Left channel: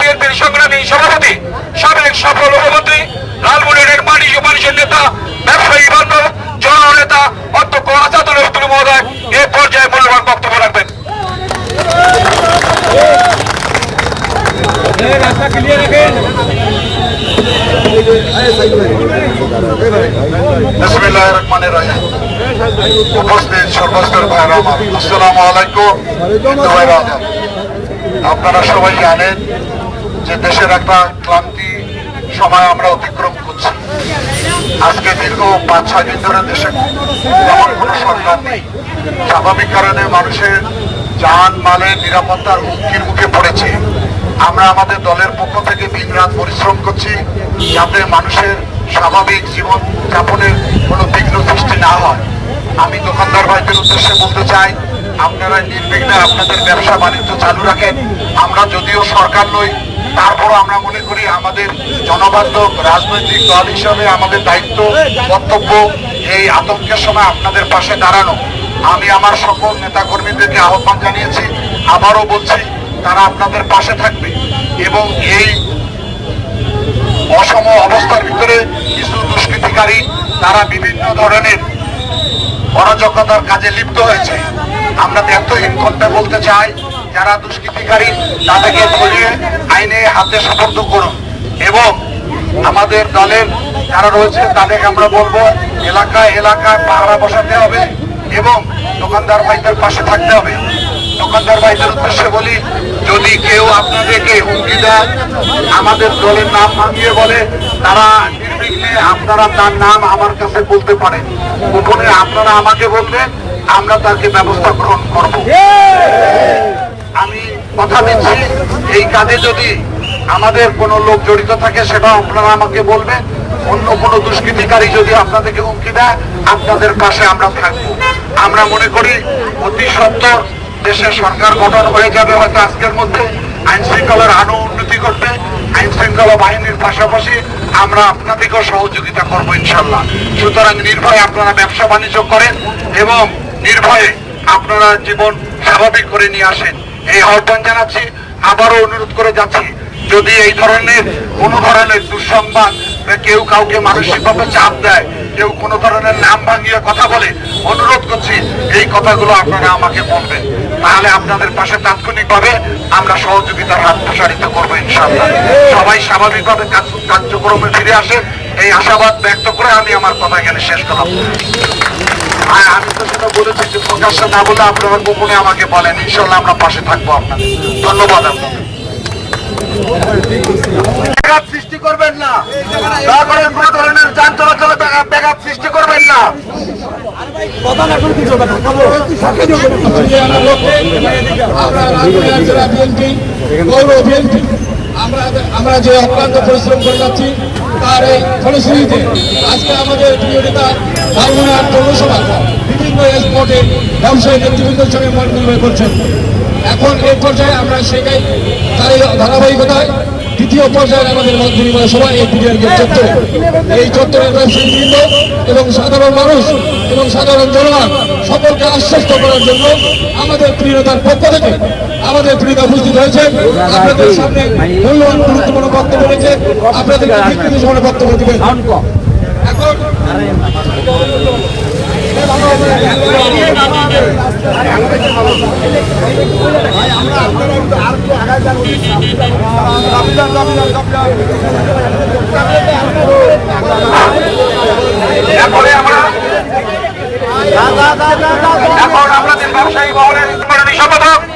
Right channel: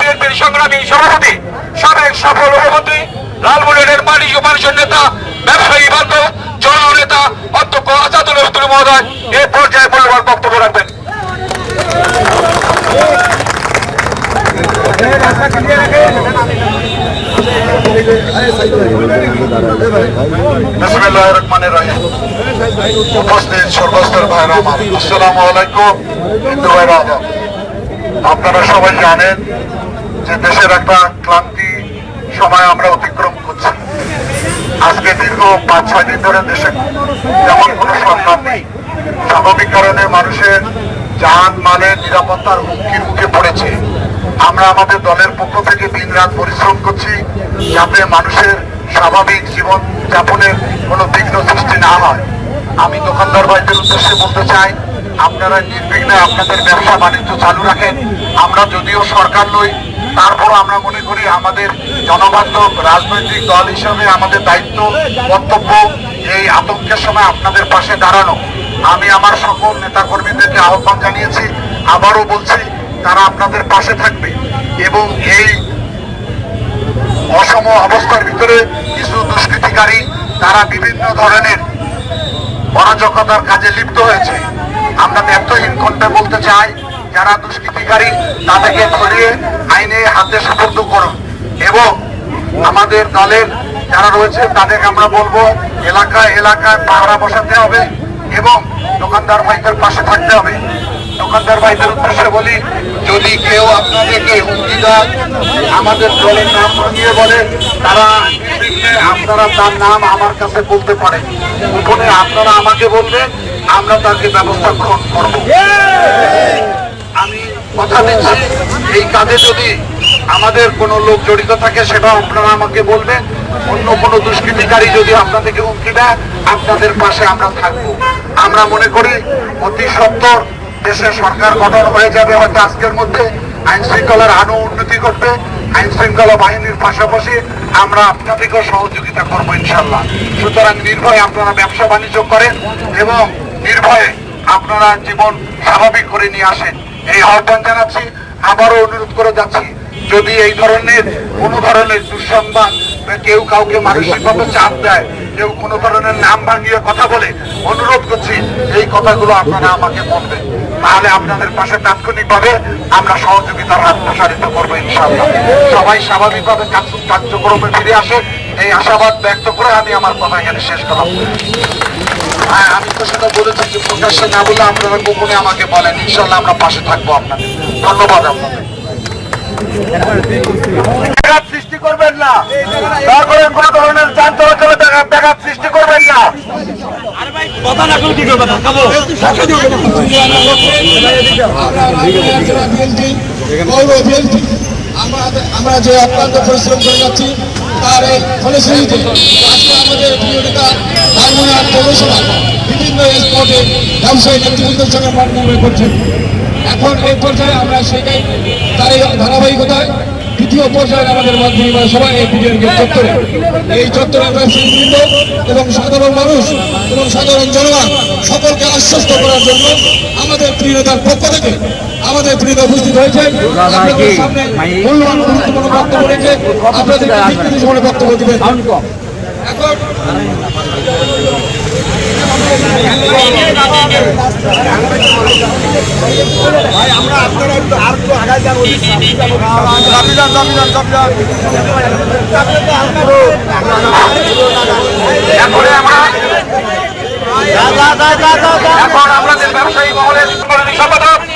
বিএনপির সংগ্রামী সভাপতি, সাবেক সফল উপমন্ত্রী লালমনিরের মানি ও মানুষের নেতা, ব্যবসায়ী বান্ধব জননেতা অধ্যক্ষ আজাদুল হতুল মহোদয়, এ পর্যায়ে মূল্যবান বক্তব্য রাখবেন। আপনারা সবাই জানেন যে দেশের একটা ক্লান্তি সময় আমরা অতিক্রম করছি। আজকে দীর্ঘ পাঁচ, ছয় দিন ধরে দেশে যেমন কোনো সরকার নেই। স্বাভাবিক কারণে মানুষের যান, মালের নিরাপত্তার হুমকির মুখে পড়েছে। আমরা আমাদের দলের পক্ষ থেকে দিন রাত পরিশ্রম করছি যাতে মানুষের স্বাভাবিক জীবন যাপনের কোনো বিঘ্ন সৃষ্টি না হয়। আমি দোকানদার ভাইদের উদ্দেশ্যে বলতে চাই, আপনারা নির্বিঘ্নে আপনাদের ব্যবসা বাণিজ্য চালু রাখেন। আমরা যদিও সরকার নই তারপর আমরা মনে করি আমাদের জনবান্ধব রাজনৈতিক দল হিসাবে আমাদের দায়িত্ব, কর্তব্য এই আতঙ্কের সময় আপনাদের পাশে দাঁড়ানো। আমি আমার সকল নেতাকর্মীদেরকে আহ্বান জানিয়েছি, আবারও বলছি, তারা আপনাদের পাশে থাকবে এবং এই অসম অবস্থার ভিতরে কিছু দুষ্কৃতিকারী, তারা বিভিন্ন ধরনের অরাজকতার কাজে লিপ্ত হয়েছে। আমরা ব্যর্থহীন কণ্ঠে বলতে চাই যারা দুষ্কৃতিকারী, তাদেরকে ধরিয়ে আইনে হাতে সাপোর্ট করুন। এবং আমাদের দলের যারা রয়েছে, তাদেরকে আমরা বলব, এলাকায় এলাকায় পাহারা বসাতে হবে এবং দোকানদার ভাইদের পাশে থাকতে হবে। দোকানদার ভাইদের উদ্দেশ্যে বলি, যদি কেউ আপনাদেরকে হুমকি দেয়, আমাদের দলের নাম ভাঙিয়ে বলে, তারা আপনারা তার নাম আমার কাছে বলতে পারেন। গোপনে আপনারা আমাকে বলবেন, আমরা তাকে ব্যবস্থা গ্রহণ করব। কথা দিচ্ছি। এই কাজে যদি আমাদের কোনো লোক জড়িত থাকে সেটা আপনারা আমাকে বলবেন। অন্য কোনো দুষ্কৃতিকারী যদি আপনাদেরকে হুমকি দেয়, আপনাদের পাশে আমরা থাকব। আমরা মনে করি অতি সত্তর দেশে সরকার গঠন হয়ে যাবে, হয়তো আজকের মধ্যে আইন শৃঙ্খলার আরও উন্নতি করবে আইন শৃঙ্খলা বাহিনীর পাশাপাশি আমরা আপনাদেরকেও সহযোগিতা করব ইনশাল্লাহ। সুতরাং নির্ভয়ে আপনারা ব্যবসা বাণিজ্য করেন এবং নির্ভয়ে আপনারা জীবন স্বাভাবিক করে নিয়ে আসেন। এই আহ্বান জানাচ্ছি, আবারও অনুরোধ করে যাচ্ছি, যদি এই ধরনের, কোন ধরনের দুঃসংবাদ কেউ কাউকে মানসিকভাবে চাপ দেয়, কেউ কোনো ধরনের নাম ভাঙিয়ে কথা বলে, অনুরোধ করছি, এই কথাগুলো আপনারা আমাকে বলবেন। তাহলে আপনাদের পাশে তাৎক্ষণিকভাবে আমরা সহযোগিতার হাত প্রসারিত করব ইনশাল্লাহ সবাই স্বাভাবিকভাবে কার্য- কার্যক্রমে ফিরে আসে। এই আশাবাদ ব্যক্ত করে আমি আমার কথা এখানে শেষ করলাম। হ্যাঁ আমি তো সেটা বলেছি যে প্রকাশ্যে না বলে আপনারা গোপনে আমাকে বলেন। ইনশাল্লাহ আমরা পাশে থাকব আপনাদের। ধন্যবাদ আপনাদের। ব্যাঘাত সৃষ্টি করবেন না। দয়া করে কোনো ধরনের যান চলাচলে ব্যাঘাত ব্যাঘাত সৃষ্টি করবেন না। কথা না করলে কি করবে? ধাক্কাবো আমরা রাজবাড়ির জেলা বিএনপি গৌর বিএনপি আমরা আমরা যে অক্লান্ত পরিশ্রম করে যাচ্ছি তার এই ফলশ্রুতিতে আজকে আমাদের প্রিয় নেতা পৌরসভা, বিভিন্ন স্পটে ব্যবসায়ী নেতৃবৃন্দের সঙ্গে পার্টনার করছেন। এখন এই পর্যায়ে আমরা সেটাই তার ধারাবাহিকতায় দ্বিতীয় পর্যায়ে আমাদের মত বিনিময় সবাই এই বিরিয়ানি চত্বরে এই চত্বরে ব্যবসায়ীবৃন্দ এবং সাধারণ মানুষ এবং সাধারণ জনগণ। সকলকে আশ্বস্ত করার জন্য আমাদের প্রিয় নেতার পক্ষ থেকে আমাদের প্রিয় নেতা উপস্থিত হয়েছেন। আপনাদের সামনে মূল্যবান গুরুত্বপূর্ণ বক্তব্য রয়েছে আপনাদের বক্তব্য দেবেন। এখন আমরা এখন আমাদের ব্যবসায়ী মহলের সম্পাদক